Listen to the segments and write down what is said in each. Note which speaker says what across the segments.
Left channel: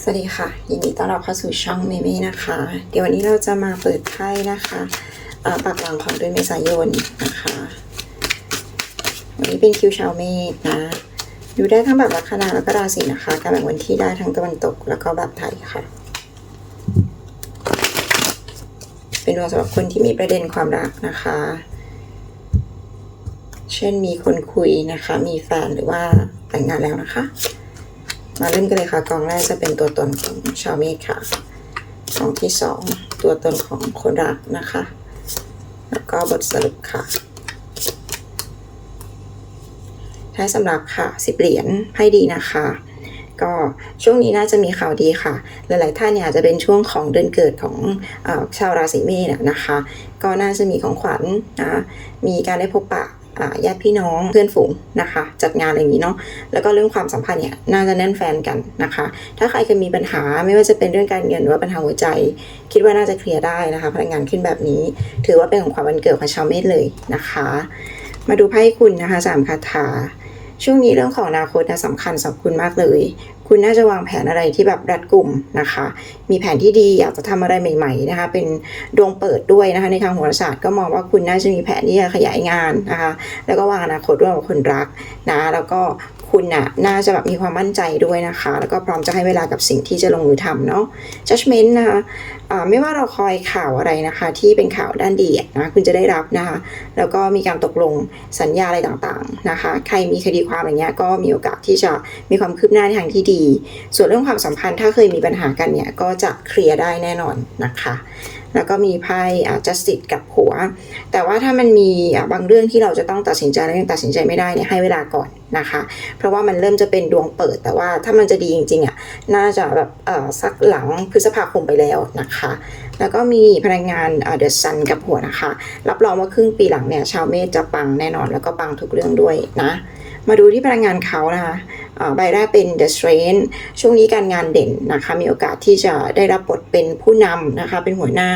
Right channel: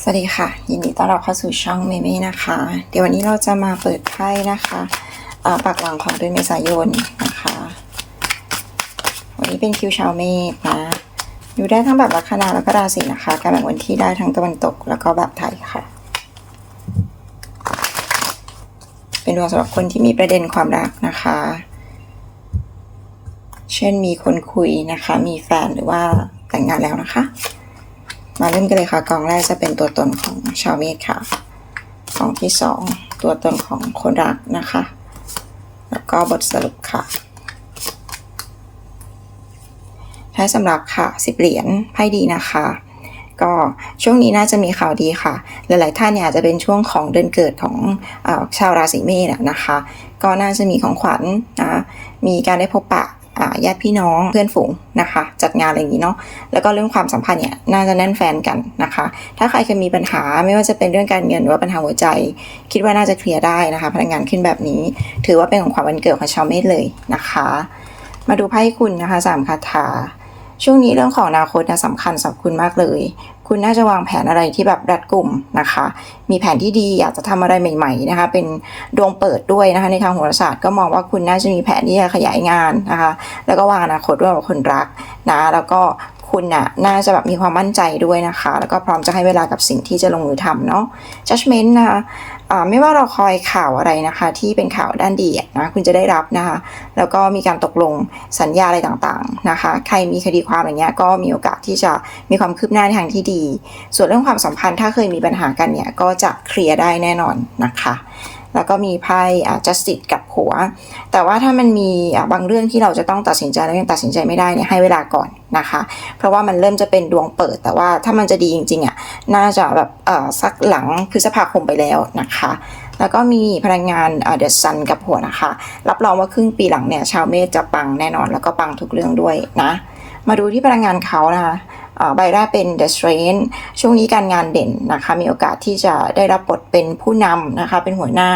Speaker 1: สวัสดีค่ะ ยินดีต้อนรับเข้าสู่ช่องเมเม่นะคะ เดี๋ยววันนี้เราจะมาเปิดไพ่นะคะอ่าปากหลังของเดือนเมษายนนะคะ วันนี้เป็นคิวชาวเมษนะดูได้ทั้งแบบลัคนาแล้วก็ราศีนะคะ การแบ่งวันที่ได้ทั้งตะวันตกแล้วก็แบบไทยค่ะ เป็นดวงสำหรับคนที่มีประเด็นความรักนะคะ เช่นมีคนคุยนะคะ มีแฟนหรือว่าแต่งงานแล้วนะคะ มาเริ่มกันเลยค่ะกองแรกจะเป็นตัวตนของชาวเมษค่ะกองที่สองตัวตนของคนรักนะคะ แล้วก็บทสรุปค่ะท้ายสำหรับค่ะสิบเหรียญไพ่ดีนะคะ ก็ช่วงนี้น่าจะมีข่าวดีค่ะ หลาย ๆ ท่านเนี่ยอาจจะเป็นช่วงของเดือนเกิดของอชาวราศีเมษนะคะ ก็น่าจะมีของขวัญนะมีการได้พบปะ ญาติพี่น้องเพื่อนฝูงนะคะ จัดงานอะไรอย่างนี้เนาะแล้วก็เรื่องความสัมพันธ์เนี่ยน่าจะแน่นแฟนกันนะคะ ถ้าใครเคยมีปัญหาไม่ว่าจะเป็นเรื่องการเงินหรือว่าปัญหาหัวใจ คิดว่าน่าจะเคลียร์ได้นะคะพลังงานขึ้นแบบนี้ ถือว่าเป็นของขวัญวันเกิดของชาวเมษเลยนะคะ มาดูไพ่คุณนะคะสามคาถา ช่วงนี้เรื่องของอนาคตนะสำคัญสำหรับคุณมากเลย คุณน่าจะวางแผนอะไรที่แบบรัดกลุ่มนะคะ มีแผนที่ดีอยากจะทำอะไรใหม่ ๆนะคะ เป็นดวงเปิดด้วยนะคะ ในทางโหราศาสตร์ก็มองว่าคุณน่าจะมีแผนที่จะขยายงานนะคะ แล้วก็วางอนาคตร่วมกับคนรักนะ แล้วก็ คุณน่ะน่าจะแบบมีความมั่นใจด้วยนะคะ แล้วก็พร้อมจะให้เวลากับสิ่งที่จะลงมือทำเนาะ judgment นะคะไม่ว่าเราคอยข่าวอะไรนะคะ ที่เป็นข่าวด้านดีนะคุณจะได้รับนะคะ แล้วก็มีการตกลงสัญญาอะไรต่างๆนะคะ ใครมีคดีความอะไรเงี้ยก็มีโอกาสที่จะมีความคืบหน้าในทางที่ดี ส่วนเรื่องความสัมพันธ์ถ้าเคยมีปัญหากันเนี่ยก็จะเคลียร์ได้แน่นอนนะคะ แล้วก็มีไพ่ justice กับหัว แต่ว่าถ้ามันมีบางเรื่องที่เราจะต้องตัดสินใจแล้วยังตัดสินใจไม่ได้เนี่ยให้เวลาก่อนนะคะ เพราะว่ามันเริ่มจะเป็นดวงเปิด แต่ว่าถ้ามันจะดีจริงๆอะน่าจะแบบสักหลังพฤษภาคมไปแล้วนะคะ แล้วก็มีพลังงานเดอะซันกับหัวนะคะ รับรองว่าครึ่งปีหลังเนี่ยชาวเมษจะปังแน่นอนแล้วก็ปังทุกเรื่องด้วยนะ มาดูที่พลังงานเขานะคะ ใบแรกเป็น The Strength ช่วงนี้การงานเด่นนะคะ มีโอกาสที่จะได้รับบทเป็นผู้นำนะคะ เป็นหัวหน้า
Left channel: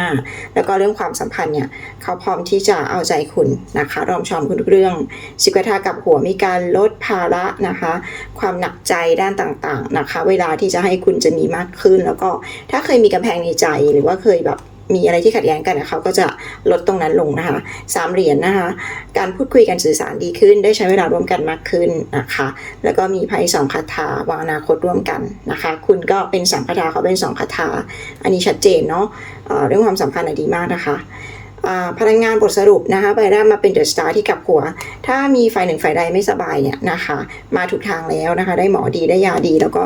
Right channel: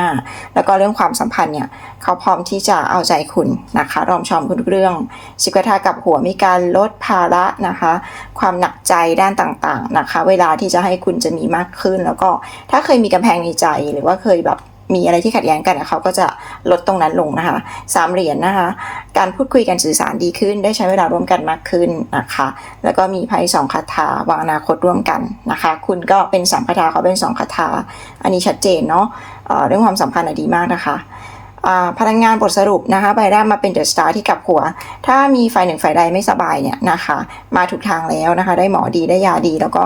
Speaker 1: แล้วก็เรื่องความสัมพันธ์เนี่ยเขาพร้อมที่จะเอาใจคุณนะคะรอมชอมคุณทุกเรื่องสิกระทากับหัวมีการลดภาระนะคะ ความหนักใจด้านต่างๆนะคะ เวลาที่จะให้คุณจะมีมากขึ้น แล้วก็ถ้าเคยมีกำแพงในใจหรือว่าเคยแบบ มีอะไรที่ขัดแย้งกันเขาก็จะลดตรงนั้นลงนะคะสามเหรียญนะคะ การพูดคุยกันสื่อสารดีขึ้น ได้ใช้เวลาร่วมกันมากขึ้นนะคะ แล้วก็มีไพ่สองคาถาวางอนาคตร่วมกันนะคะ คุณก็เป็นสามคาถาเขาเป็นสองคาถา อันนี้ชัดเจนเนาะเรื่องความสัมพันธ์ดีมากนะคะ พลังงานบทสรุปนะคะใบแรกมาเป็นเดอะสตาร์ที่กลับหัว ถ้ามีฝ่ายหนึ่งฝ่ายใดไม่สบายเนี่ยนะคะมาถูกทางแล้วนะคะ ได้หมอดีได้ยาดี แล้วก็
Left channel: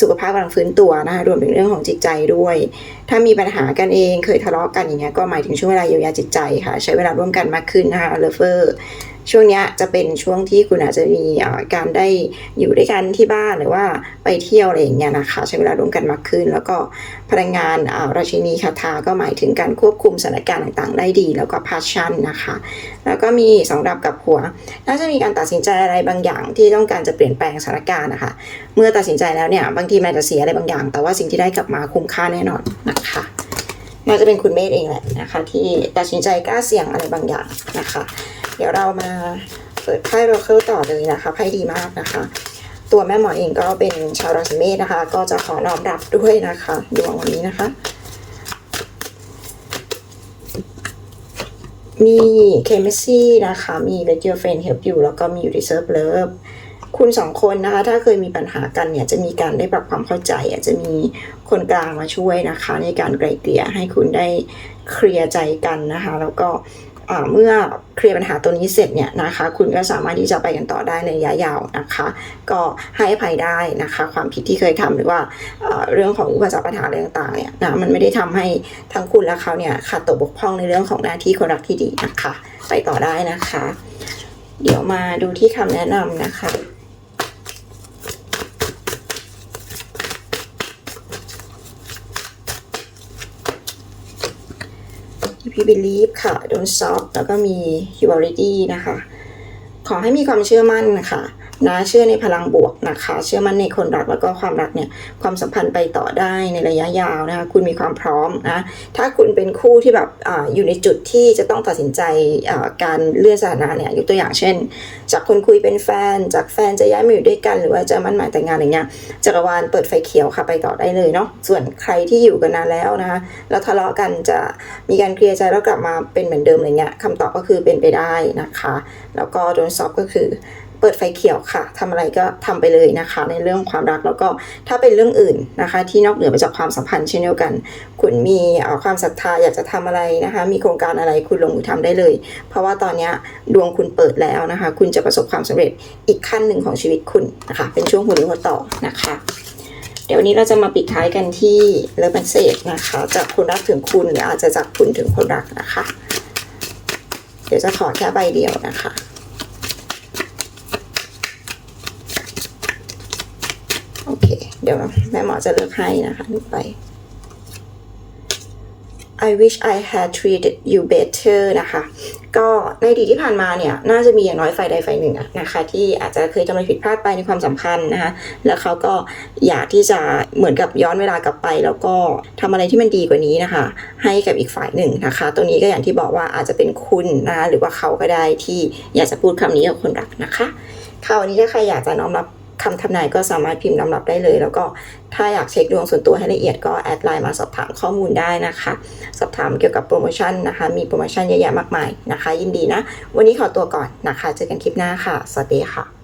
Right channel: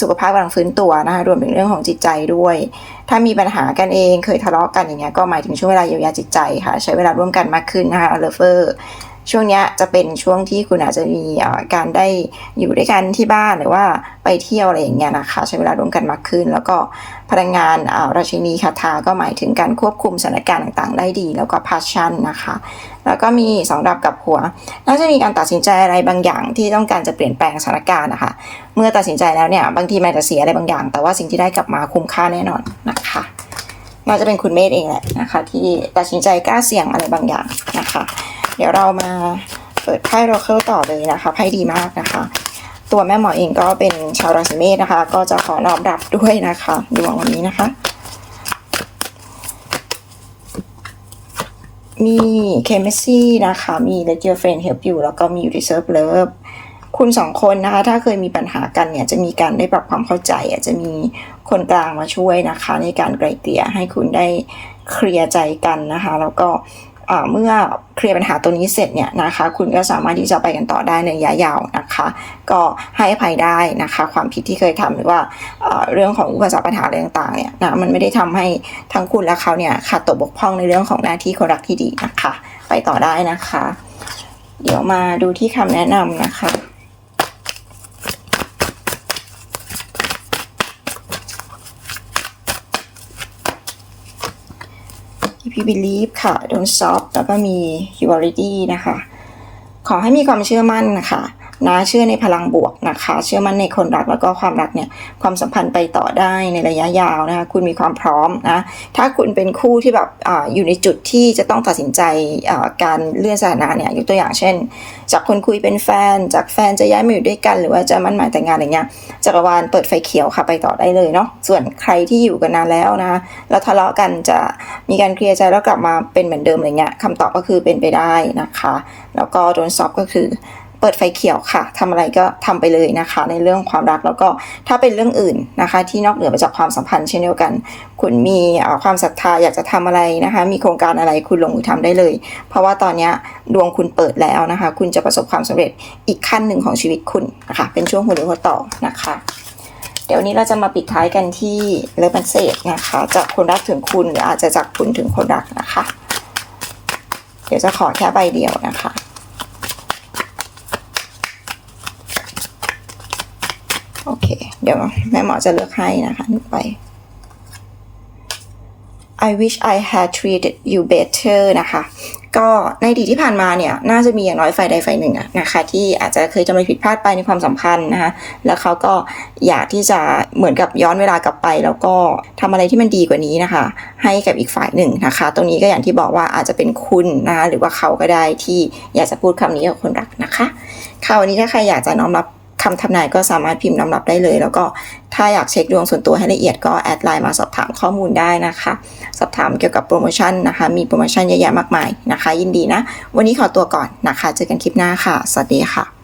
Speaker 1: สุขภาพกำลังฟื้นตัวนะคะรวมถึงเรื่องของจิตใจด้วย ถ้ามีปัญหากันเองเคยทะเลาะกันอย่างเงี้ยก็หมายถึงช่วงเวลาเยียวยาจิตใจค่ะ ใช้เวลาร่วมกันมากขึ้นนะคะเลเฟอร์ ช่วงนี้จะเป็นช่วงที่คุณอาจจะมีการได้อยู่ด้วยกันที่บ้านหรือว่าไปเที่ยวอะไรอย่างเงี้ยนะคะใช้เวลาร่วมกันมากขึ้น แล้วก็พลังงานราชินีคาถาก็หมายถึงการควบคุมสถานการณ์ต่างๆ ได้ดี แล้วก็พาชั่นนะคะ แล้วก็มีสองดับกับหัว น่าจะมีการตัดสินใจอะไรบางอย่างที่ต้องการจะเปลี่ยนแปลงสถานการณ์นะคะ เมื่อตัดสินใจแล้วเนี่ยบางทีมันจะเสียอะไรบางอย่าง แต่ว่าสิ่งที่ได้กลับมาคุ้มค่าแน่นอนนะคะน่าจะเป็นคุณเมธเองแหละนะคะ ที่ตัดสินใจกล้าเสี่ยงอะไรบางอย่างนะคะ ดี๋ยวเรามาเปิดไพ่โรเคิลต่อเลยนะคะไพ่ดีมากนะคะ ตัวแม่หมอเองก็เป็นชาวราศีเมษนะคะ ก็จะขอน้อมรับด้วยนะคะดวงวันนี้นะคะ มีเคมซี่นะคะมี Let Your Friend Help You แล้วก็มี You Deserve Love คุณสองคนนะคะ ถ้าเคยมีปัญหากันเนี่ยจะมีการได้ปรับความเข้าใจอาจจะมีคนกลางมาช่วยนะคะ ในการไกลเกลี่ยให้คุณได้เคลียร์ใจกันนะคะ แล้วก็ เมื่อเคลียร์ปัญหาตัวนี้เสร็จเนี่ยนะคะ คุณก็สามารถที่จะไปกันต่อได้ในระยะยาวนะคะ ก็ให้อภัยได้นะคะ ความผิดที่เคยทำหรือว่าเรื่องของอุปสรรคปัญหาอะไรต่างๆเนี่ยนะมันไม่ได้ทำให้ทั้งคุณและเขาเนี่ยขาดตกบกพร่องในเรื่องของหน้าที่คนรักที่ดีนะคะ ไปต่อได้นะคะ เดี๋ยวมาดูที่คำแนะนำนะคะ you believe ค่ะ don't stop แล้วก็มี you already นะคะ ขอให้มีความเชื่อมั่นนะคะ นะเชื่อในพลังบวกนะคะ เชื่อมั่นในคนรักแล้วก็ความรักเนี่ยความสัมพันธ์ไปต่อได้ในระยะยาวนะคะคุณมีความพร้อมนะถ้าคุณเป็นคู่ที่แบบออยู่ในจุดที่จะต้องตัดสินใจการเลื่อนสถานะเนี่ยยกตัวอย่างเช่น จากคนคุยเป็นแฟน จากแฟนจะย้ายมาอยู่ด้วยกัน หรือว่าจะมั่นหมายแต่งงานอะไรเงี้ยจักรวาลเปิดไฟเขียวค่ะไปต่อได้เลยเนาะส่วนใครที่อยู่กันนานแล้วนะคะแล้วทะเลาะกันจะมีการเคลียร์ใจแล้วกลับมาเป็นเหมือนเดิมอะไรเงี้ยคำตอบก็คือเป็นไปได้นะคะ แล้วก็โดนซอฟก็คือ เปิดไฟเขียวค่ะทำอะไรก็ทำไปเลยนะคะ ในเรื่องความรักแล้วก็ถ้าเป็นเรื่องอื่นนะคะ ที่นอกเหนือไปจากความสัมพันธ์เช่นเดียวกัน คุณมีความศรัทธาอยากจะทำอะไรนะคะ มีโครงการอะไรคุณลงมือทำได้เลย เพราะว่าตอนนี้ดวงคุณเปิดแล้วนะคะ คุณจะประสบความสำเร็จอีกขั้นหนึ่งของชีวิตคุณนะคะเป็นช่วงหัวเรียวหัวต่อนะคะเดี๋ยววันนี้เราจะมาปิดท้ายกันที่เลิฟมันเซจนะคะ จากคนรักถึงคุณหรืออาจจะจากคุณถึงคนรักนะคะ เดี๋ยวจะขอแค่ใบเดียวนะคะ โอ เดี๋ยวแม่หมอจะเลือกให้นะคะนึกไป I wish I had treated you better นะคะ ก็ในอดีตที่ผ่านมาเนี่ยน่าจะมีอย่างน้อยฝ่ายใดฝ่ายหนึ่งนะคะที่อาจจะเคยทำอะไรผิดพลาดไปในความสัมพันธ์นะคะแล้วเขาก็อยากที่จะเหมือนกับย้อนเวลากลับไป แล้วก็ทำอะไรที่มันดีกว่านี้นะคะ ให้กับอีกฝ่ายหนึ่งนะคะ ตรงนี้ก็อย่างที่บอกว่าอาจจะเป็นคุณนะคะหรือว่าเขาก็ได้ที่อยากจะพูดคำนี้กับคนรักนะคะค่ะวันนี้ถ้าใครอยากจะน้อมรับ คำทำนายก็สามารถพิมพ์น้อมรับได้เลย แล้วก็ถ้าอยากเช็คดวงส่วนตัวให้ละเอียดก็แอดไลน์มาสอบถามข้อมูลได้นะคะ สอบถามเกี่ยวกับโปรโมชั่นนะคะ มีโปรโมชั่นเยอะแยะมากมายนะคะ ยินดีนะ วันนี้ขอตัวก่อนนะคะ เจอกันคลิปหน้าค่ะ สวัสดีค่ะ